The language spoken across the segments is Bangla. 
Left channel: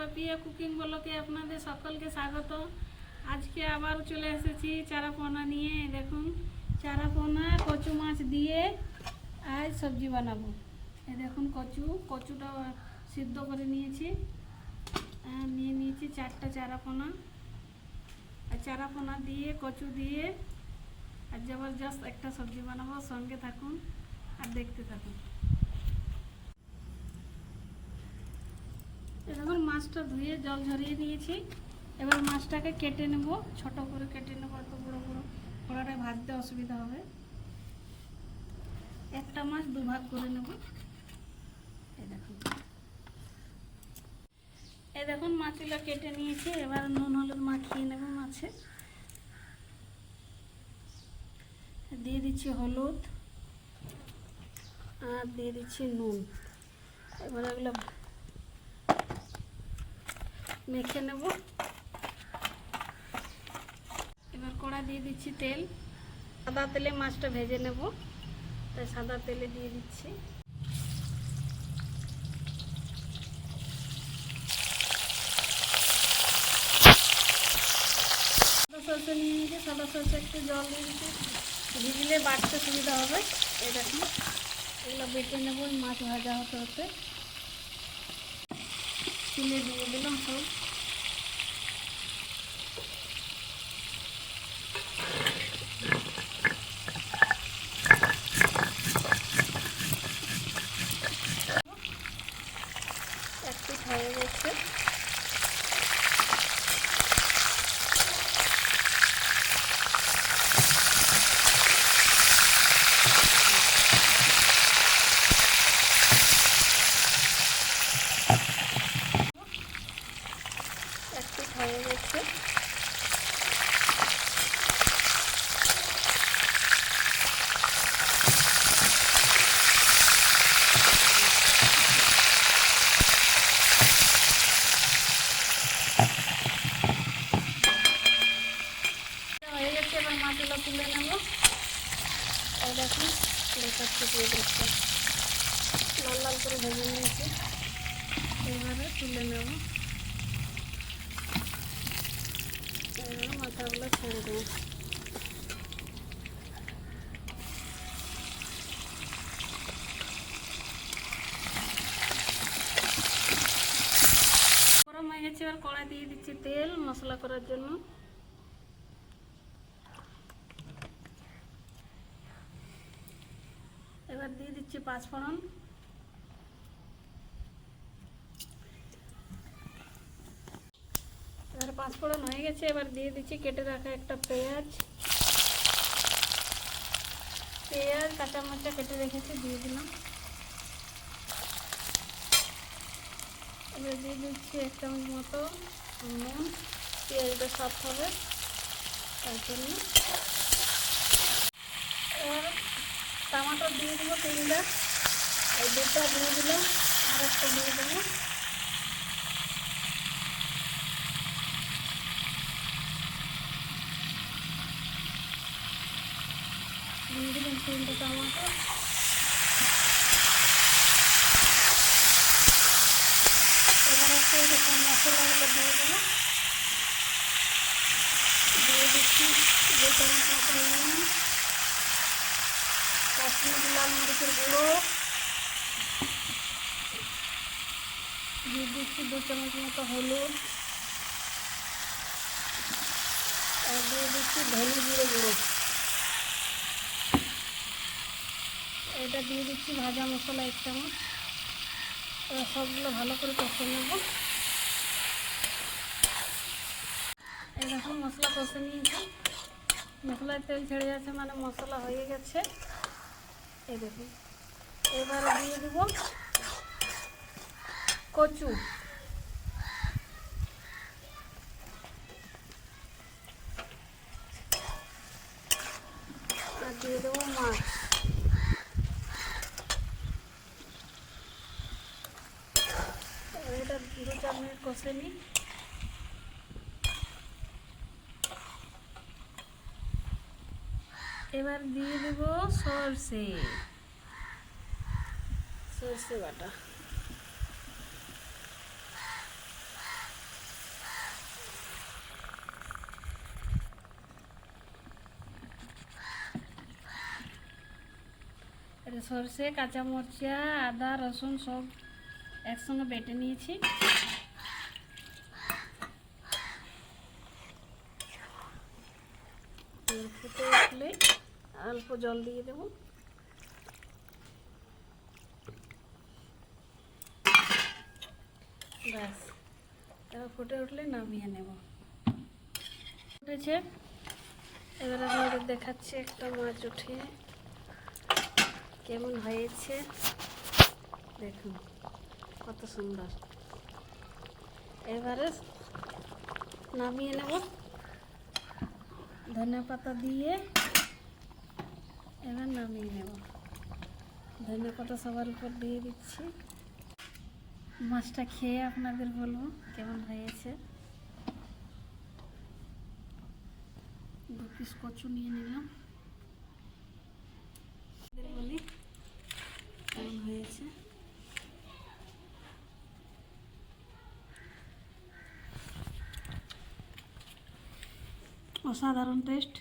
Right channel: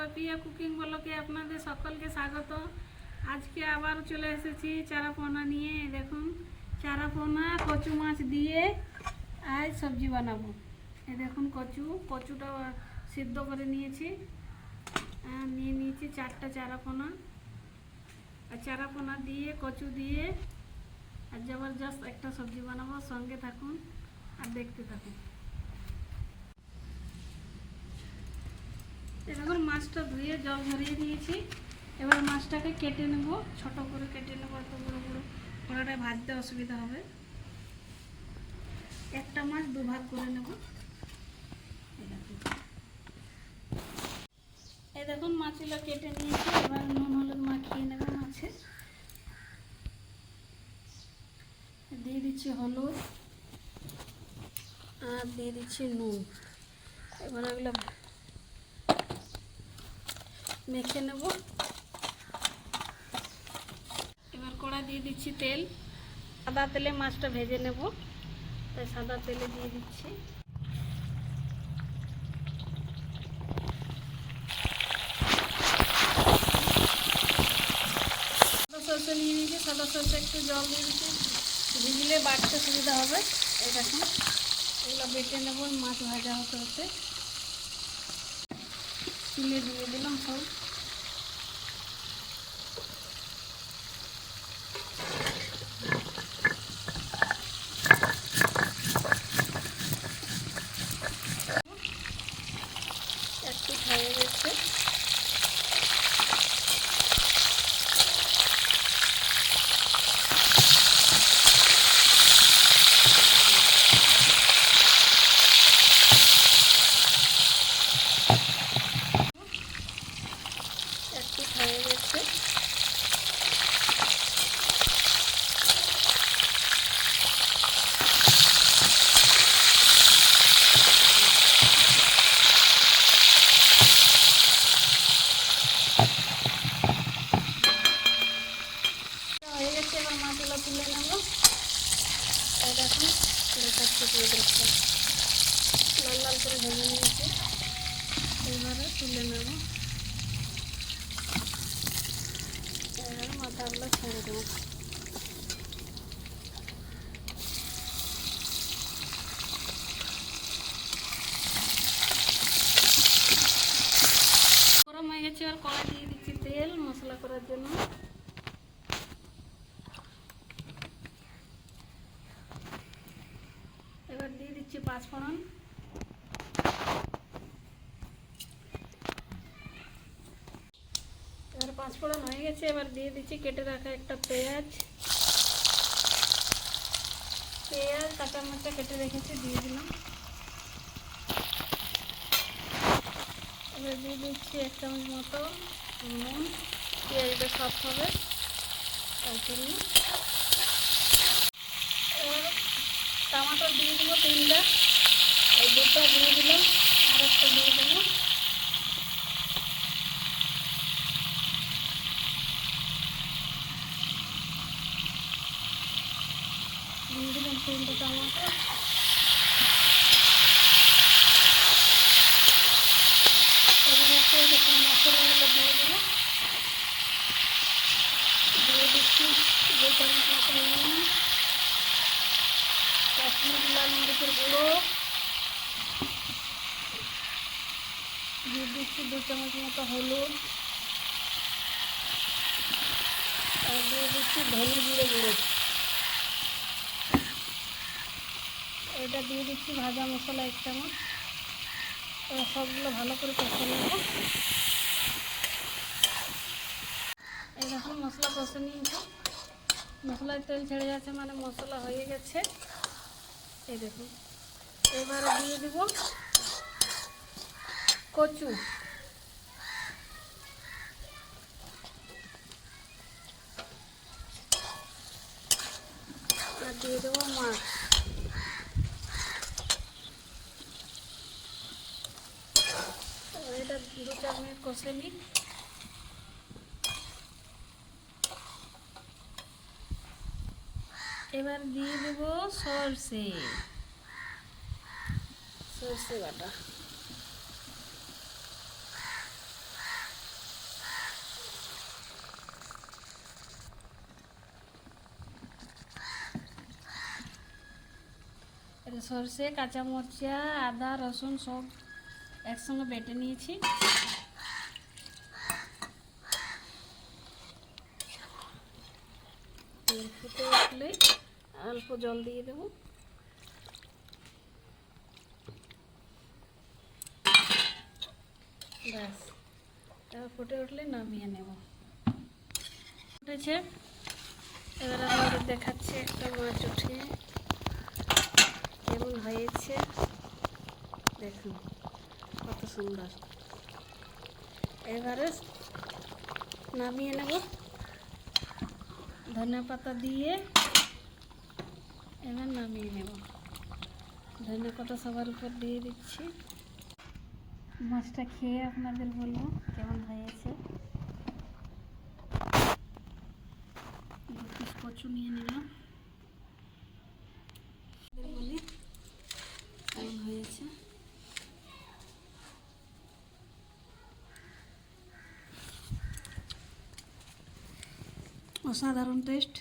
পাপিয়া কুকিং ব্লগে আপনাদের সকলকে স্বাগত। আজকে আবার চলে এসেছি চারাপোনা নিয়ে। দেখুন চারাপোনা কচু মাছ দিয়ে আজ সবজি বানাবো। এই দেখুন কচুটা সিদ্ধ করে নিয়েছি। নিয়ে নিয়েছি 4টা চারাপোনা। আর চারাপোনা দিয়ে কচু দিয়ে আর জবরদস্ত একটা সবজি বানাবো। সঙ্গে থাকুন আর দেখতে থাকুন। এবার মাছটা ধুয়ে জল ঝরিয়ে নিয়েছি। এবার মাছটাকে কেটে নেব, ছোট করে কেটে নেব। এত বড় বড় কড়াটায় ভাজতে অসুবিধা হবে। একটা মাছ দুভাগ করে নেব। এই দেখুন মাছগুলো কেটে নিয়েছি। এবার নুন হলুদ মাখিয়ে নেব মাছে। দিয়ে দিচ্ছি হলুদ আর দিয়ে দিচ্ছি নুন। এবার এগুলো মেখে নেব। এবার কড়া দিয়ে দিচ্ছি তেল। সাদা তেলে মাছটা ভেজে নেব, তাই সাদা তেলে দিয়ে দিচ্ছি। সাদা সরষে নিয়ে নিয়েছি। সাদা সরষে একটু জল দিয়ে দিচ্ছি, ভিজলে বাটতে সুবিধা হবে। এই দেখুন এগুলো বেটে নেব মাছ ভাজা হতে হতে। তুলে দিয়ে দিলাম সব। একটু হয়ে গেছে। একটু হয়ে গেছে। হয়ে গেছে। এবার মাছগুলো তুলে নেব। এই দেখুন দিয়ে দেখতে লাল লাল করে ভেজে নিয়েছি। এইভাবে তুলে নেব। এবার মাথাগুলো ছেড়ে দেবো। গরম হয়ে গেছে। এবার কড়াই দিয়ে দিচ্ছি তেল মশলা করার জন্য। এবার দিয়ে দিচ্ছি পাঁচফোড়ন। এবার পাঁচফোড়ন হয়ে গেছে। এবার দিয়ে দিচ্ছি কেটে রাখা একটা পেঁয়াজ। কাঁচা মরিচা কেটে রেখেছি, দিয়ে দিলাম। এবার দিয়ে দিচ্ছি 1 চামচ মতো নুন। পেঁয়াজটা সফট হবে তার জন্য। এবার টমাটো দিয়ে দেবো 3টা। এই 2টা দিয়ে দিলাম, আর একটা দিয়ে দেবো। দিয়ে দিলাম 3টে টমাটো। এবার একটু মশলাগুলো দিয়ে দেবো। দিয়ে দিচ্ছি 2 চামচ মতো নুন, কাশ্মীরি লাল মরিচের গুঁড়ো। দিয়ে দিচ্ছি 2 চামচ মতো হলুদ। আর দিয়ে দিচ্ছি ধনে জিরে গুঁড়ো। এটা দিয়ে দিচ্ছি ভাজা মশলা 1 চামচ। এবার সবগুলো ভালো করে কষে নেব। এই দেখুন মশলা কষে নিয়েছি। মশলায় তেল ছেড়ে যাচ্ছে, মানে মশলা হয়ে গেছে। এই দেখুন এবারে দিয়ে দেব কচু। আর দিয়ে দেবো মাছ। এটা 2-4 মিনিট কষে নিই। এবার দিয়ে দেব সরষে বাটা। সরষে, কাঁচা মরচা, আদা, রসুন সব একসঙ্গে বেটে নিয়েছি। ফুটে উঠলে অল্প জল দিয়ে দেবো। ব্যাস, এবার ফুটে উঠলে নামিয়ে নেব। ফুটেছে, এবার আপনাদের দেখাচ্ছি একটা মাছ উঠিয়ে কেমন হয়েছে। দেখুন কত সুন্দর। এবারে নামিয়ে নেব ধনে পাতা দিয়ে। এবার নামিয়ে নেব, ধনে পাতা সবার উপর দিয়ে দিচ্ছি। মাছটা খেয়ে আপনাদের বলবো কেমন হয়েছে। 2 পিস কচু নিয়ে নিলাম, বলি কেমন হয়েছে। অসাধারণ টেস্ট।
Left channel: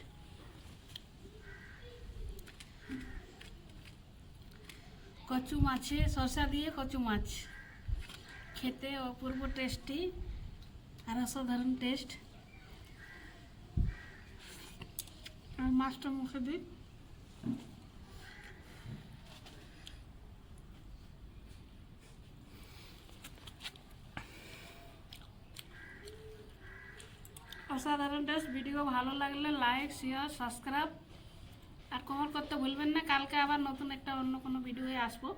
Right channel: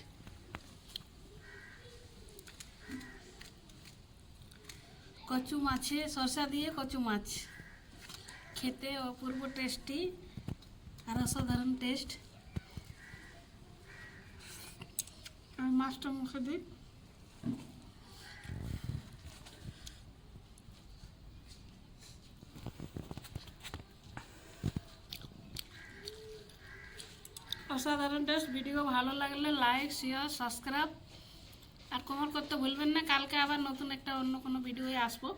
কচু মাছে শসা দিয়ে কচু মাছ খেতে অপূর্ব টেস্টি আর অসাধারণ টেস্ট। আর মাছটা মুখে দিই, অসাধারণ টেস্ট। ভিডিও ভালো লাগলে লাইক, শেয়ার, সাবস্ক্রাইব আর কমেন্ট করতে ভুলবেন না। কালকে আবার নতুন একটা অন্য কোনো ভিডিও আসবো।